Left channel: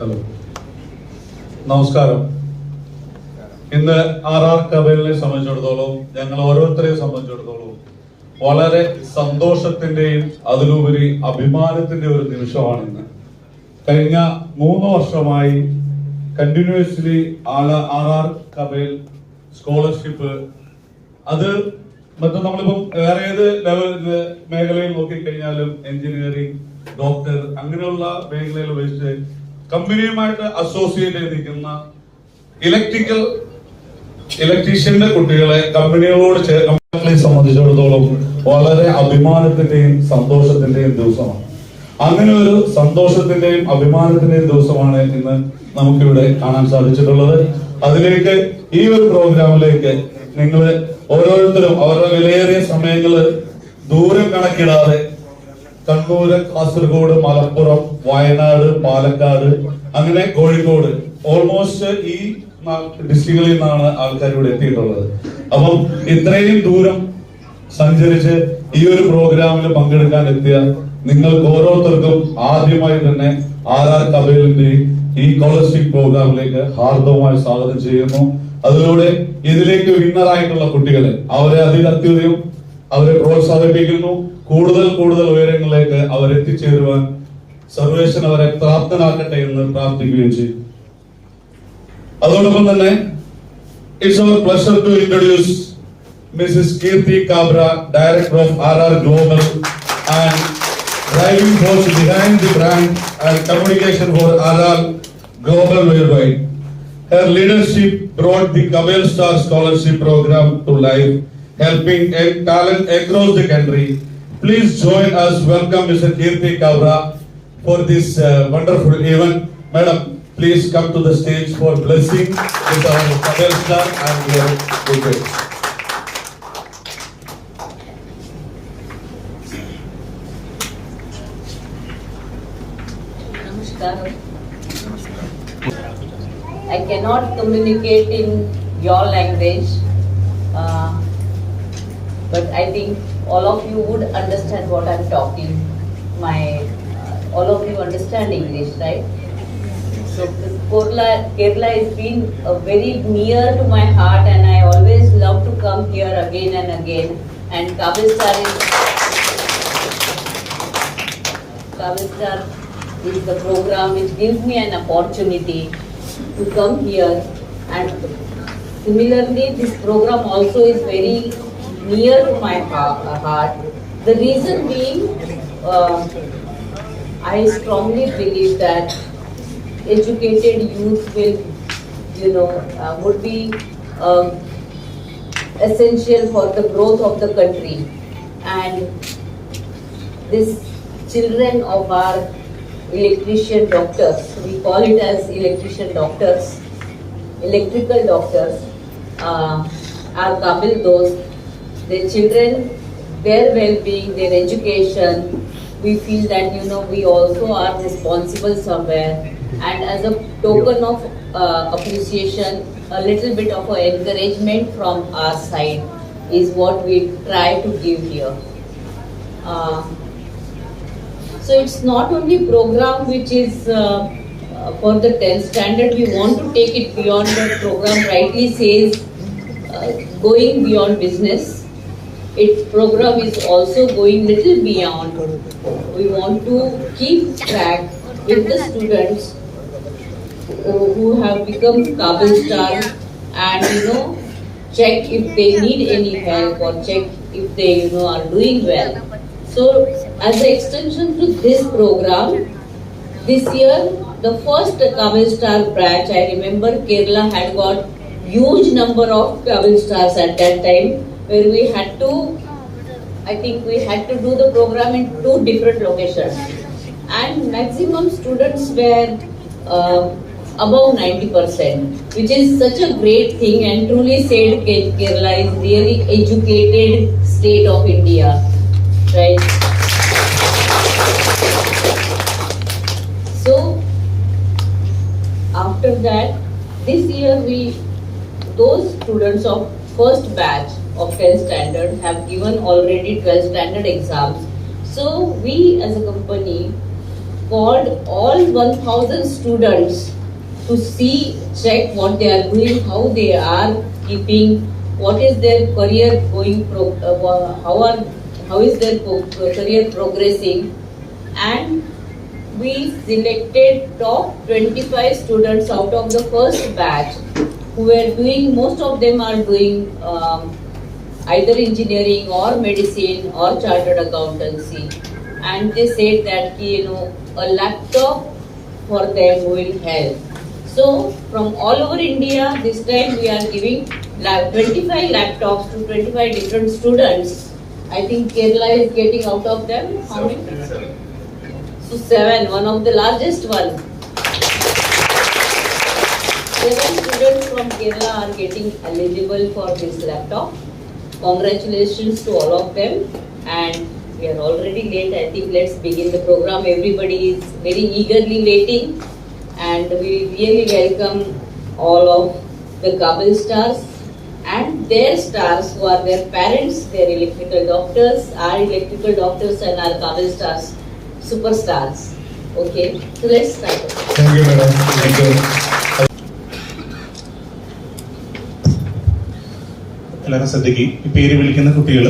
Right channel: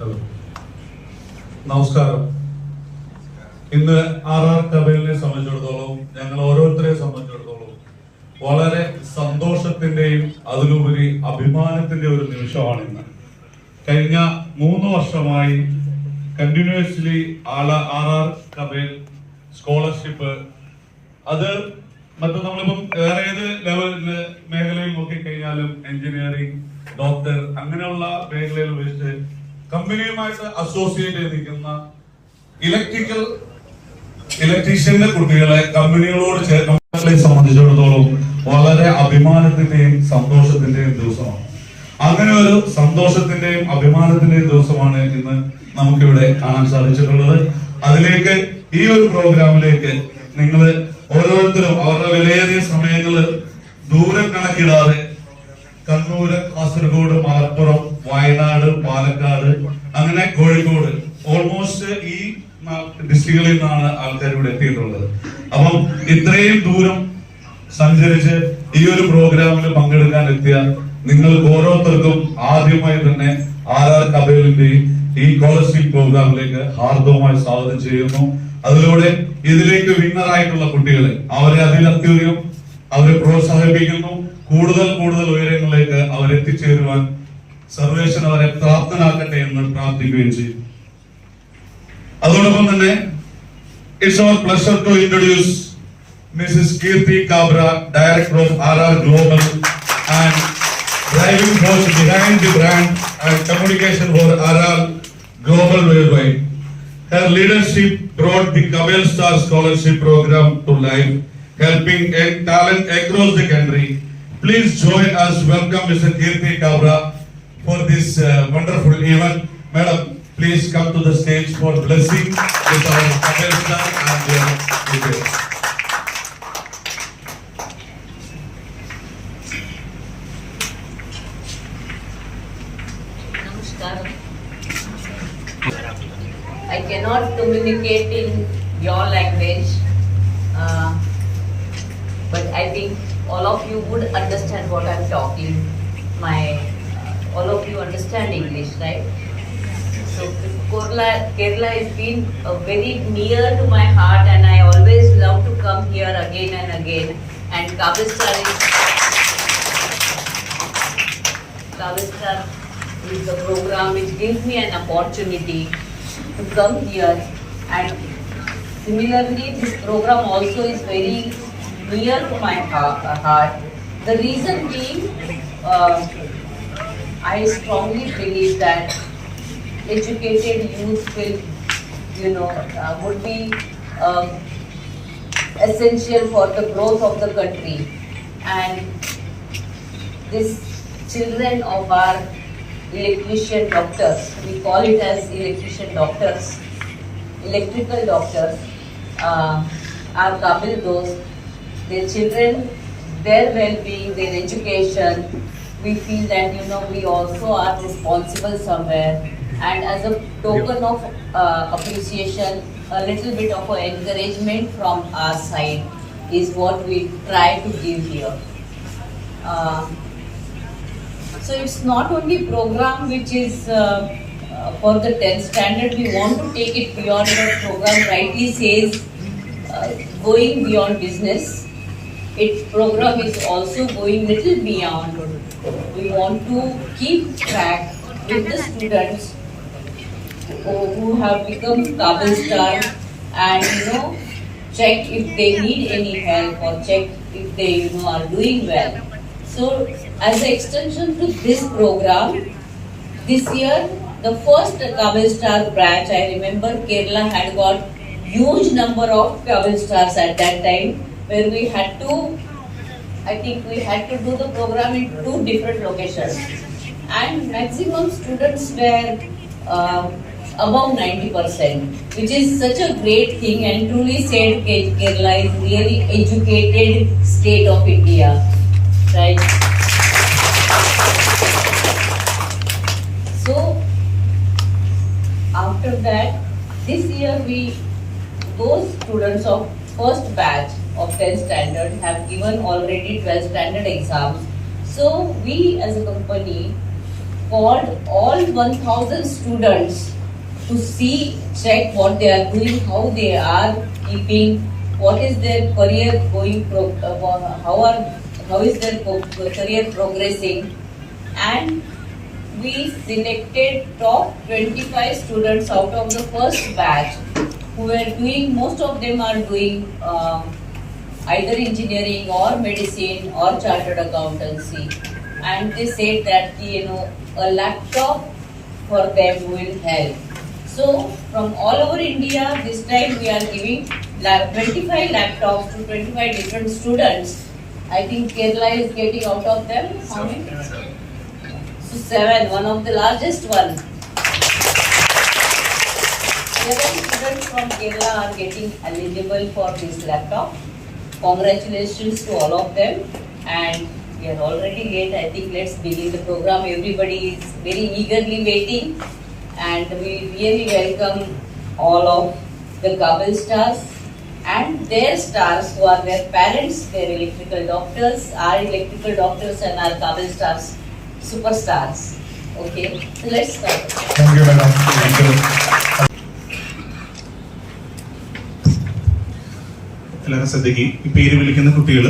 ഹലോ, നമസ്കാരം. ഇന്ന് RR കബേലിനെ സംബന്ധിച്ചിടത്തോളം, ഞങ്ങൾ ഓരോരുത്തരെയും സംബന്ധിച്ചിടത്തോളം വളരെ സന്തോഷത്തിന്റെയും അതിലുപരി അഭിമാനത്തിന്റെയും ഒരു നിമിഷമാണ് ഇന്ന്. കഴിഞ്ഞ 3 വർഷമായി കണ്ടിന്യൂസ്ലി RR കബേൽ സ്കോളർഷിപ്പ്, അത് മറ്റും നമ്മളിപ്പം വേറെ ഏത് മേഖലയിൽ നോക്കിക്കഴിഞ്ഞാലും എഞ്ചിനീയറിംഗ്, ഡോക്ടർ, അങ്ങനെയുള്ള മേഖലയിൽ വെച്ച് കമ്പനിയുമായിട്ട് അസോസിയേറ്റ് ചെയ്ത് നിൽക്കുന്ന ഇലക്ട്രീഷ്യന്റെ കുട്ടികളെ കമ്പനികളോട് ചേർന്ന് സംബന്ധിച്ചിടത്തോളം വളരെ അഭിമാനത്തിന്റെയും സന്തോഷത്തിന്റെയും ദിവസമാണ്. അങ്ങനെ ഒരു സന്തോഷത്തിന്റെയും അഭിമാനത്തിന്റെയും ദിവസമാണ് ഇന്ന് നമുക്കിവിടെ കാണാൻ സാധിച്ചിട്ടുള്ളത്. അതിലേക്ക്, ഈ ഒരു പ്രോഗ്രാമിലേക്ക് നിങ്ങൾ ഓരോരുത്തരും ഓരോ വിലയേറിയ സമയങ്ങള് ദൂരം കണക്കിടാതെ കണ്ണൂര്, കാസർഗോഡ്, മലപ്പുറം, വയനാട്, പാലക്കാട്, അങ്ങനെ കോഴിക്കോട്, ഓൾമോസ്റ്റ് ഈ ഡിസ്ട്രിക്റ്റുകളിൽ നിന്നാണ് ആൾക്കാർ ഇവിടെ എത്തിയിട്ടുള്ളത്. അപ്പം ഇത്രയും ദൂരം സഞ്ചരിച്ച് ഈ ഒരു പ്രോഗ്രാമിൽ പങ്കെടുക്കാൻ എത്തിയ നിങ്ങൾക്ക് ഓരോരുത്തർക്കും ആദ്യമായി തന്നെ RR കബേലിന്റെ ഈ സ്കോളർഷിപ്പ് പ്രോഗ്രാമിലേക്ക് ഹാർദവമായി സ്വാഗതം ചെയ്യുന്നു. അതിലൂടെ ഇതിലേക്ക് വിന്നറായിട്ടുള്ള കുട്ടികളെ അവരെ അതിലത്യധികം അവരെ പ്രോത്സാഹിപ്പിക്കുന്നു. കൂടുതൽ ഉയരങ്ങളിലേക്ക് അവരെത്തിച്ചേരുവാൻ സർവേശ്വരൻ അവരെ പ്രാപ്തനാക്കട്ടെ എന്ന് പ്രാർത്ഥിക്കുകയും ചെയ്യും. അതോടൊപ്പം തന്നെ it's our pleasure to introduce Mrs Keerthi Kabra, director of RR global and driving force behind the brand and communication for RR Global worldwide. Her leadership brought the Kabel Star Scholarship Program to life, helping young talent across the country. Please join us. Welcome Mr. Kirti Kabra for this wonderful event. Madam, please come to the stage for blessing with our Kabel Star and their leaders. I cannot communicate in your language, but I think all of you would understand what I'm talking. All of you understand English, right? So Kerala has been very near to my heart, and I always love to come here again and again. And Kabel Star is the program which gives me an opportunity to come here, and similarly this program also is very near to my heart. The reason being, I strongly believe that educated youth will, would be essential for the growth of the country, and these children of our electrician doctors, we call it as electrician doctors, electrical doctors, are Kabel those, their children, their well-being, their education, we feel that we also are responsible somewhere, and as a token of appreciation, a little bit of encouragement from our side is what we try to give here. So it's not only program which is for the 10th standard, we want to take it beyond. The program rightly says going beyond business. Its program is also going little beyond. We want to keep track with the students who have become Kabel Star, and check if they need any help, or check if they are doing well. So as an extension to this program, this year the first Kabel Star batch, I remember Kerala had got huge number of Kabel Stars at that time, where we had to do the program in 2 different locations, and maximum students were above 90%, which is such a great thing, and truly said Kerala is really educated state of India, right? So after that, this year those students of first batch of 10th standard have given already 12th standard exams. So we as a company called all 1,000 students to see, check what they are doing, how they are keeping, what is their career going, how is their career progressing, and we selected top 25 students out of the first batch who were doing, most of them are doing either engineering or medicine or chartered accountancy, and they said that a laptop for them will help. So from all over India, this time we are giving 25 laptops to 25 different students. I think Kerala is getting out of them how many? So 7, one of the largest one. 7 students from Kerala are getting eligible for this laptop. Congratulations to all of them, and we are already late. I think let's begin the program. Everybody is very eagerly waiting, and we really welcome all of the Kabel stars and their stars who are their parents, their electrical doctors, our electrical doctors and our Kabel stars, superstars. Okay, so let's start. Thank you, madam. Thank you. എല്ലാവരും ശ്രദ്ധിക്കുക. ഈ പേര് വിളിക്കുന്ന കുട്ടികൾ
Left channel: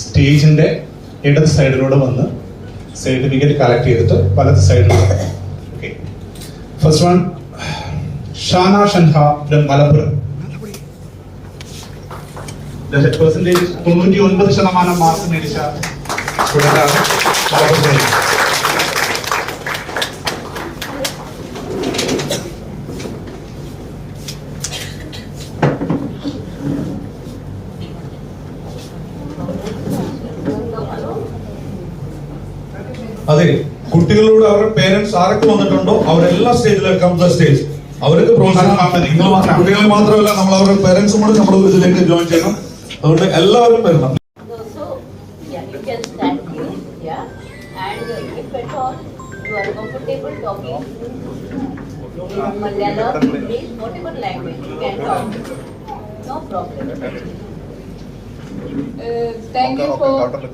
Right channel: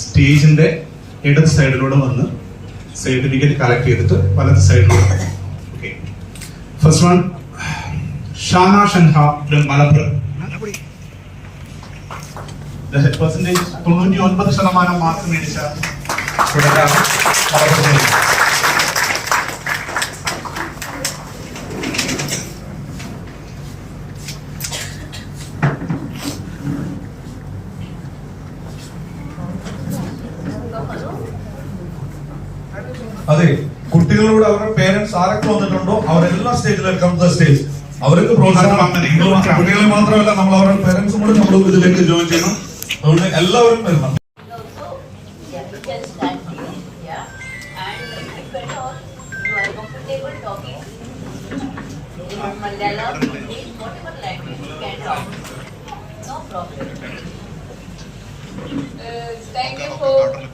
സ്റ്റേജിന്റെ ഇടത് സൈഡിലൂടെ വന്ന് സർട്ടിഫിക്കറ്റ് കളക്ട് ചെയ്തിട്ട് വലത് സൈഡിലൂടെ. Okay, first one Shana Shanha ഫ്രം മലപ്പുറം. പെർസെന്റേജ് 99% മാർക്ക് മേടിച്ച സ്റ്റുഡന്റാണ് മലപ്പുറം. അതെ, കുട്ടികളോട് അവരുടെ പേരൻസ് ആരൊക്കെ വന്നിട്ടുണ്ടോ അവരെല്ലാം സ്റ്റേജിലേക്ക് കം ദ സ്റ്റേജ്. അവർക്ക് പ്രോത്സാഹനം കുട്ടികൾ മാത്രമല്ല, നമ്മൾ അവരുടെ പേരൻസും കൂടി നമ്മൾ ഇതിലേക്ക് ജോയിൻ ചെയ്യണം. അതുകൊണ്ട് എല്ലാവരും വരണം. Thank you for welcoming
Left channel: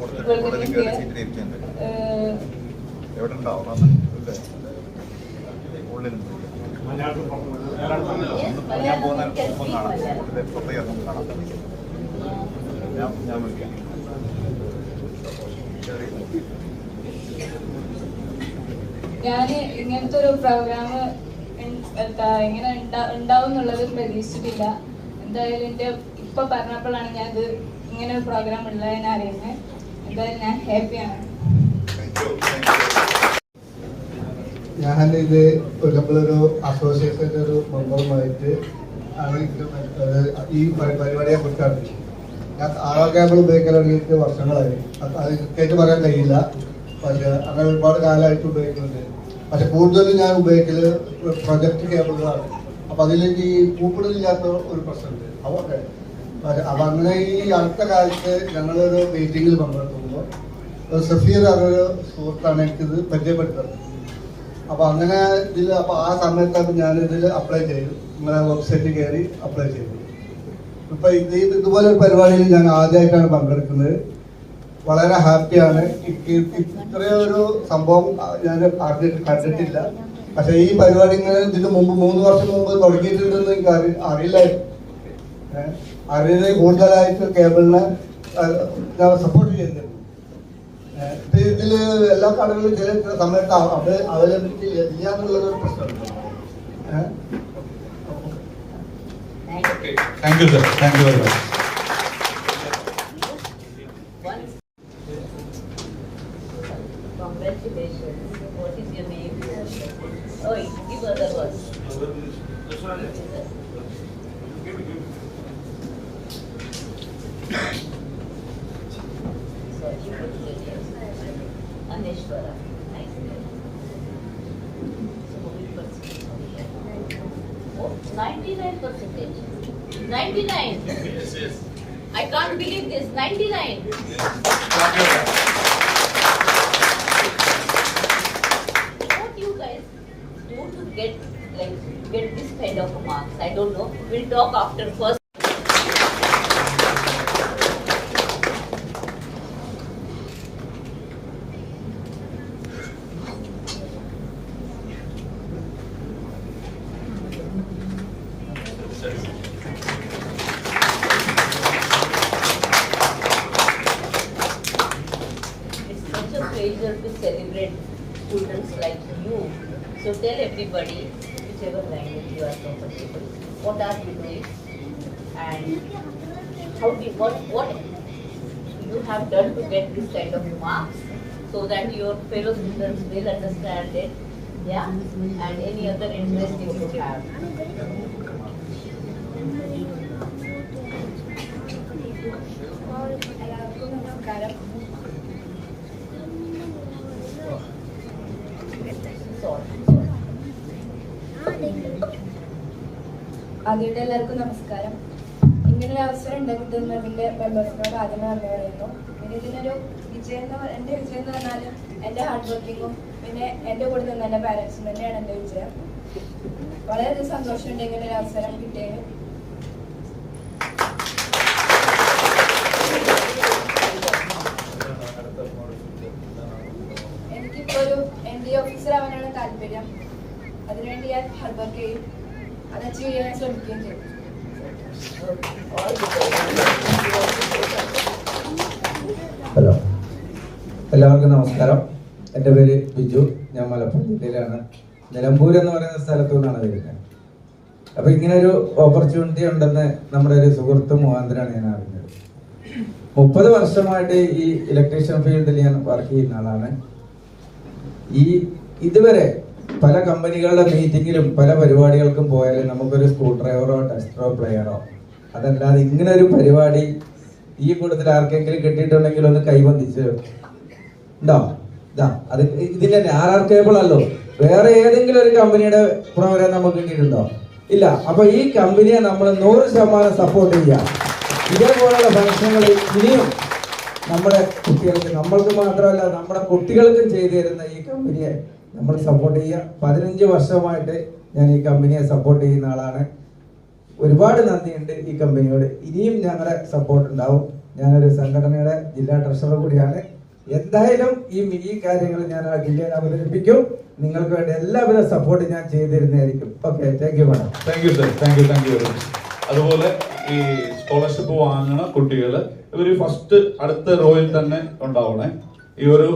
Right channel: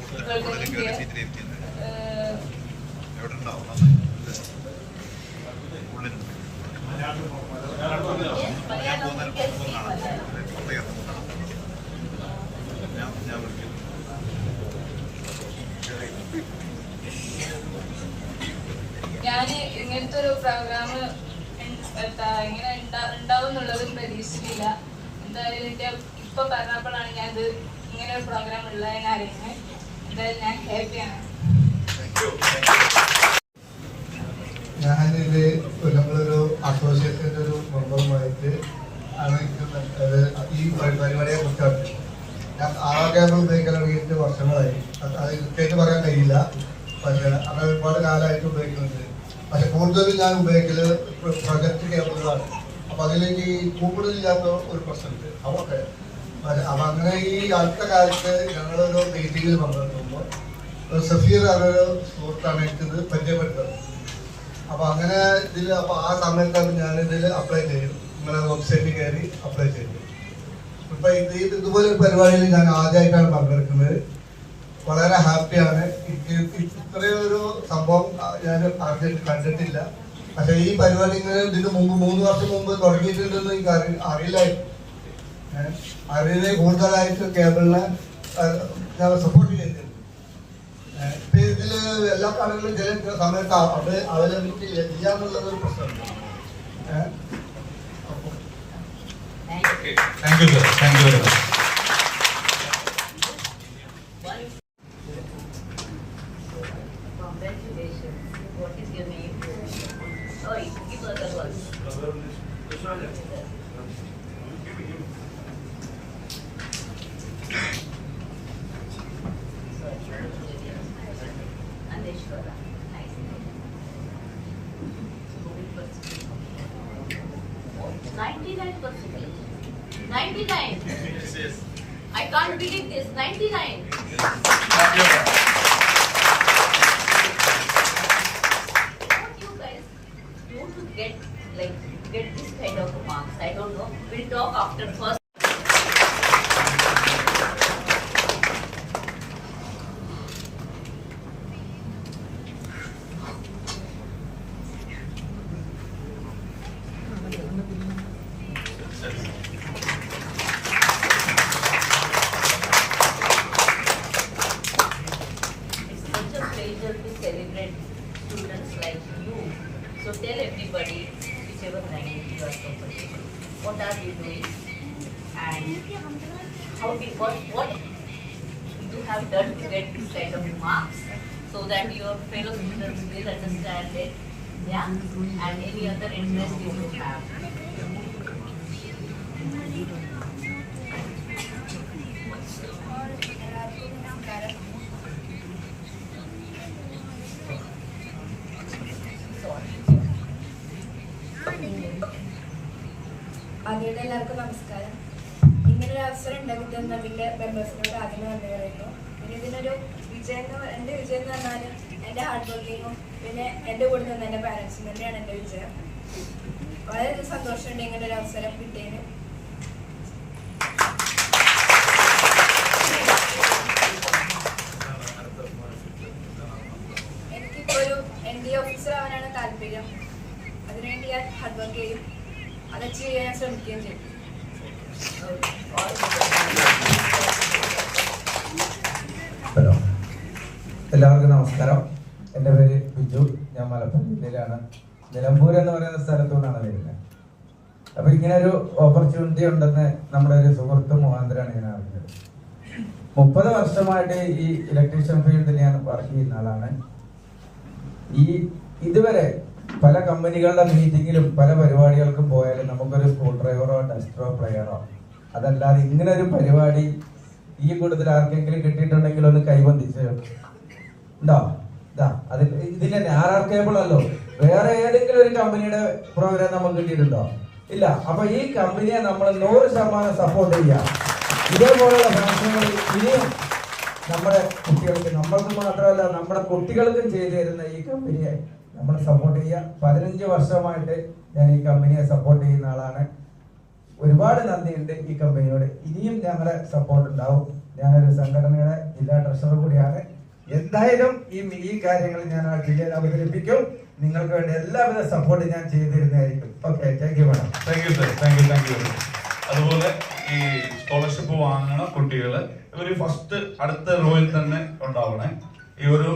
here. ഞാൻ ഇങ്ങനത്തെ ഒരു പ്രോഗ്രാം ഇങ്ങനെ ഉണ്ടാവും എന്നുള്ളത് പ്രതീക്ഷിച്ചിട്ടില്ല. എന്തായാലും എൻ്റെ ഇപ്പൊ പറഞ്ഞപ്പോഴാണ് ഞാൻ ഇത് ഇങ്ങനെ ഒരു പ്രോഗ്രാം ഉള്ളത് ഞാൻ അറിയുന്നത്. എന്തായാലും ഞാൻ ഹാപ്പിയാണ്. ഞാനിത് നമ്മളൊരു അസോസിയേഷൻ്റെ ഒരു മെമ്പറുമായിട്ട് ആണ് ഈ പരിപാടിയെ കുറിച്ചാണ്. ഞാൻ ആരോഗ്യാപം ഉപയോഗിക്കാൻ തുടങ്ങിയിട്ട് വർഷങ്ങളായി. അത് കൃത്യമായിട്ട് പറയാൻ കഴിയില്ല, പക്ഷെ അങ്ങനെ ഒരുപാട് കാലമായിട്ട് ഉപയോഗിക്കുന്നുണ്ട്. പക്ഷെ കൂടുതലും ഞാൻ ഉപയോഗിക്കല് പ്രൊജക്ട് കേബിളുകളാണ്. അപ്പൊ അതിലേക്ക് ഈ കൂപ്പിടില്ലാത്ത ഒരു പ്രശ്നമുണ്ട് അവർക്ക്. അപ്പൊ അങ്ങനെ ഈ അടുത്ത കാലത്ത് ഞങ്ങളൊരു മീറ്റിങ്ങിൽ പങ്കെടുക്കുമ്പോൾ ഒരു സഫീർ എന്നൊരു സുഹൃത്താണ് എനിക്കിത് പരിചയപ്പെടുത്തുന്നത്. അപ്പൊ അങ്ങനെ ഇതിൽ അപ്പൊ ആ സമയത്താണ് ഞാൻ ഇതിൽ അപ്ലൈ ചെയ്തു. നിങ്ങളെ വെബ്സൈറ്റിൽ കയറി അപ്ലൈ ചെയ്തു. ഇപ്പൊ ഇതുപോലെ ഒരു പരിപാടിയിൽ ഞാൻ ആദ്യമായിട്ടാണ് പങ്കെടുക്കുന്നത്. വളരെ ഹാപ്പിയാണ്. ഇത്രയൊരു സംഭവം ഞാൻ കണ്ടിട്ടില്ല. പക്ഷെ ഈ പരിപാടി ഇങ്ങനെ ഇതിന് മുമ്പ് 3 വർഷം മുമ്പ് തുടങ്ങിയിട്ടുണ്ടെന്ന് എനിക്ക് അറിയില്ലായിരുന്നു. അറിയുന്നത് കൂടുതലായിട്ട് കേബിളിനെ ഞാൻ സപ്പോർട്ട് ചെയ്തിരുന്നു. ഇതില് എല്ലാ കടകളിലും ചില സമയത്ത് അവൈലബിലിറ്റി ഇല്ല എന്നുള്ളൊരു പ്രശ്നമുണ്ട്. Thank you sir, thank you very much. Congratulations. What is your name? Oh, give other one. Aneshwara. Nice name. Oh, 99%. 99. Yes. I can't believe this. 99. What you guys do to get this kind of marks? I don't know. We'll talk after first. So tell everybody, whichever language you are comfortable, what are you doing and what you have done to get this kind of marks, so that your fellow students will understand it. Yeah, and any other interest you could have. എല്ലാവർക്കും നമസ്കാരം. ആദ്യമായിട്ട് എല്ലാവർക്കും നമസ്കാരം. ഇങ്ങനൊരു അവസരം ഉണ്ടാക്കി തന്നതിന്റെ മെമ്പേഴ്സിനോട് ആദ്യമേ നന്ദി പറയുന്നു. പിന്നെ ഇതിനൊരു എൻ്റെ വിജയം എന്ന് പറഞ്ഞാൽ എൻ്റെ ഹാർഡ് വർക്കിങ്ങും പിന്നെ എൻ്റെ കൂടെ നിന്ന് എൻ്റെ പാരൻസും തന്നെയാണ് എൻ്റെ വിജയം. വളരെയധികം സന്തോഷമുണ്ട് ഇങ്ങനെ ഒരു അവസരം കിട്ടിയതിന്. എനിക്കിപ്പോൾ ഒരു NDA ഓഫീസർ ആവാനാണ് താല്പര്യം. അതിനുവേണ്ടി ഞാൻ ഹാർഡ് വർക്ക് ചെയ്യും, അത് അച്ചീവ് ചെയ്യാൻ ശ്രമിക്കുകയും ചെയ്യും. ഹലോ, എല്ലാവർക്കും നമസ്കാരം. എൻ്റെ പേര് ബിജു. ഞാൻ മലപ്പുറം ജില്ലയിലാണ്, നിലമ്പൂർ എന്ന് പറയുന്ന സ്ഥലത്തു നിന്നാണ് വരുന്നത്. അപ്പൊ ഇങ്ങനെ ഒരു ഓപ്പർച്യൂണിറ്റി ഉണ്ടെന്ന് നമ്മുടെ ഒരു സുഹൃത്ത് മുഖാന്തരമാണ് ഞാൻ അറിഞ്ഞത്. 30 വർഷമായിട്ട് ഈ ഇലക്ട്രീഷ്യൻ ഫീൽഡിൽ ഞാൻ വർക്ക് ചെയ്യുന്ന ആളാണ്. ഇതുവരെ പല കമ്പനികളുടെ മീറ്റിങ്ങിലും പല പരിപാടികൾക്കും പോയാലും നമുക്കൊരു സ്ക്രൂ ഡ്രൈവറോ ടെസ്റ്ററോ പ്ലെയറോ അതല്ലാതെ ഇങ്ങനെ ഒരു പരിപാടി ഈ കൂട്ടത്തിൽ ആർക്കെങ്കിലും കിട്ടിയിട്ടുണ്ടെങ്കിൽ ഒന്ന് കൈബന്ധിച്ച് ഉണ്ടോ? അത് ഇതിന്റെ RR കേബിൾ അല്ലോ, വേറെ ഏതെങ്കിലും ഒരു കമ്പനിയുടെ പ്രോഗ്രാം നമുക്ക് കിട്ടിയിട്ടുണ്ടോ? ഇല്ല. അപ്പൊ ഈ കമ്പനിയെ നമ്മൾ 100% സപ്പോർട്ട് ചെയ്യാം. ഇതേപോലെയുള്ള ഫംഗ്ഷനുകൾ ഇനിയും നമ്മുടെ കുട്ടികൾക്ക്, നമ്മൾക്ക് മാത്രമല്ല നമ്മുടെ കുട്ടികൾക്കും ചെയ്തു തരുന്ന ഈ കമ്പനിയെ നമ്മൾ സപ്പോർട്ട് ചെയ്യുക. 15 വർഷമായിട്ട് ഞാൻ ഈ കമ്പനിയെ സപ്പോർട്ട് ചെയ്യുന്ന ആളാണ്. ഒരുപാട് നന്ദിയുണ്ട് ഈ കമ്പനിയോട്. ഇനിയും ഞങ്ങളുടെ സപ്പോർട്ട് ഉണ്ടാവും. ഞാനൊരു സംഘടനയുടെ ജില്ലാ ട്രഷറർ കൂടിയാണ്. എന്തായാലും ഈ മിനി കാര്യങ്ങൾ ഞാൻ ആ ജില്ലയിൽ അവതരിപ്പിക്കും. നിങ്ങൾക്ക് വേണ്ടി എല്ലാവിധ സപ്പോർട്ട് ഞാൻ ചെയ്തു തരുന്നതായിരിക്കും. Okay, thank you madam. Thank you sir, thank you. അതുപോലെ ഈ സ്കോളർഷിപ്പ് വാങ്ങുന്ന കുട്ടികൾ ഇവര് ഫസ്റ്റ് അടുത്ത റോയിൽ തന്നെ ഉണ്ടാവണേ. ഈ ഒരു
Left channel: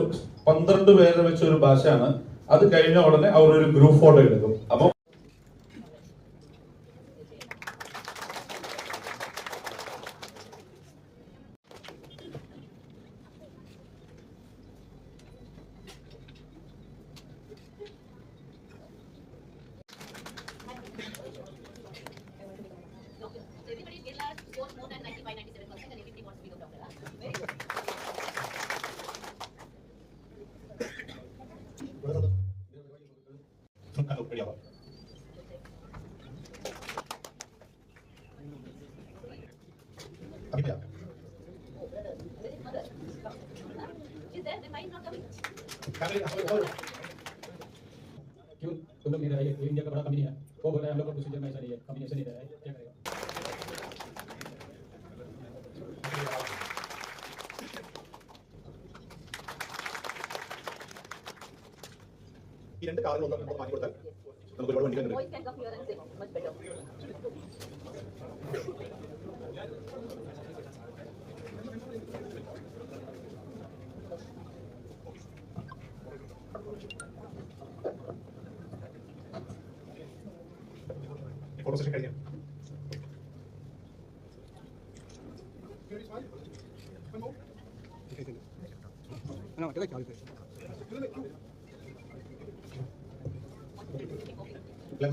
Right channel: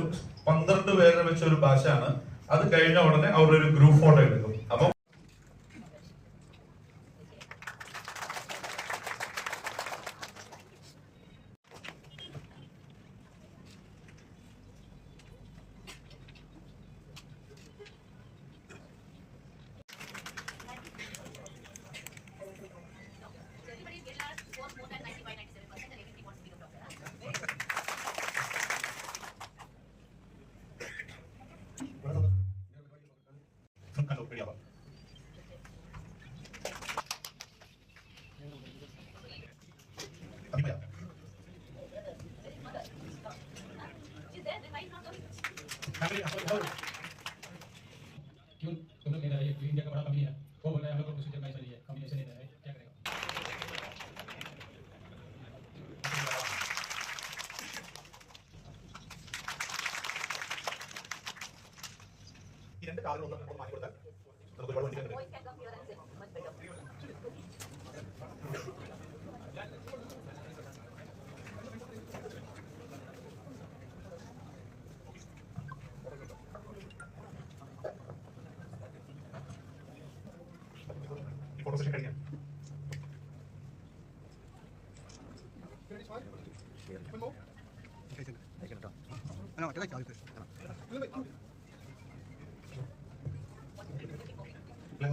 12 പേരെ വെച്ച ഒരു ബാച്ചാണ്. അത് കഴിഞ്ഞ ഉടനെ അവരൊരു ഗ്രൂപ്പ് ഫോട്ടോ എടുക്കും. അപ്പൊ मतलब मेरा ये इंडिया का बड़ा कंपनी है, वो बोल रहा है हम लोग का प्रोसीजर में ऐसा नहीं है, कॉम्बिनेशन इधर है, क्या करेगा? ഈ രണ്ട് കാറുകൾ ഒന്ന് മാറ്റി കൊടുത്താൽ നമുക്ക് ഒരുപാട് വണ്ടികൾ ഉണ്ട്. ഫോട്ടോ സെഷൻ കഴിക്കാം.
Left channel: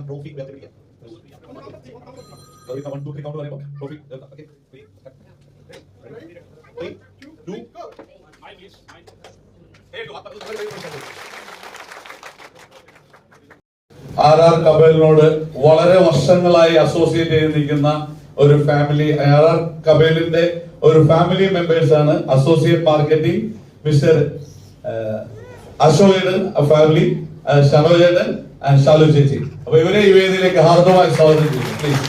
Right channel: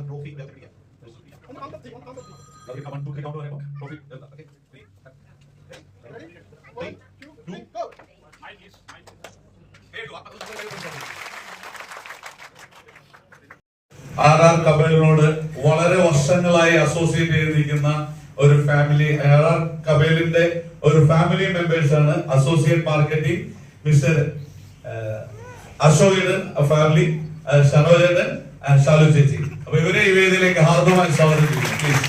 ട്രോഫി വേർതിരിക്കാം. 1 2 3 കൗണ്ട് പറയുമ്പോൾ ട്രോഫി ഓക്കേ 3 2 RR കബേലിനോട് വളരെ വർഷങ്ങളായി അസോസിയേറ്റ് ചെയ്ത് നിൽക്കുന്ന ഒരു ഫാമിലി, RR കബേലിന്റെ ഒരു ഫാമിലി മെമ്പേഴ്സ് ആണ് associate marketing mister Ashokan family, Shanojan and Shalu ചേച്ചി. അപ്പൊ ഇവരെ ഈ വേദിയിലേക്ക് ഹാർദമായി സ്വാഗതം ചെയ്യുന്നു. Please.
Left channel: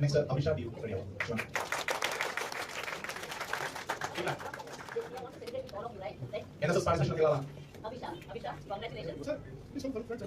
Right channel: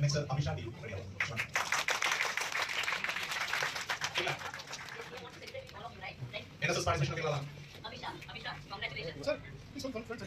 Next, Abhishek D. NSS participation. Abhishek, congratulations. Sir, please don't Friends,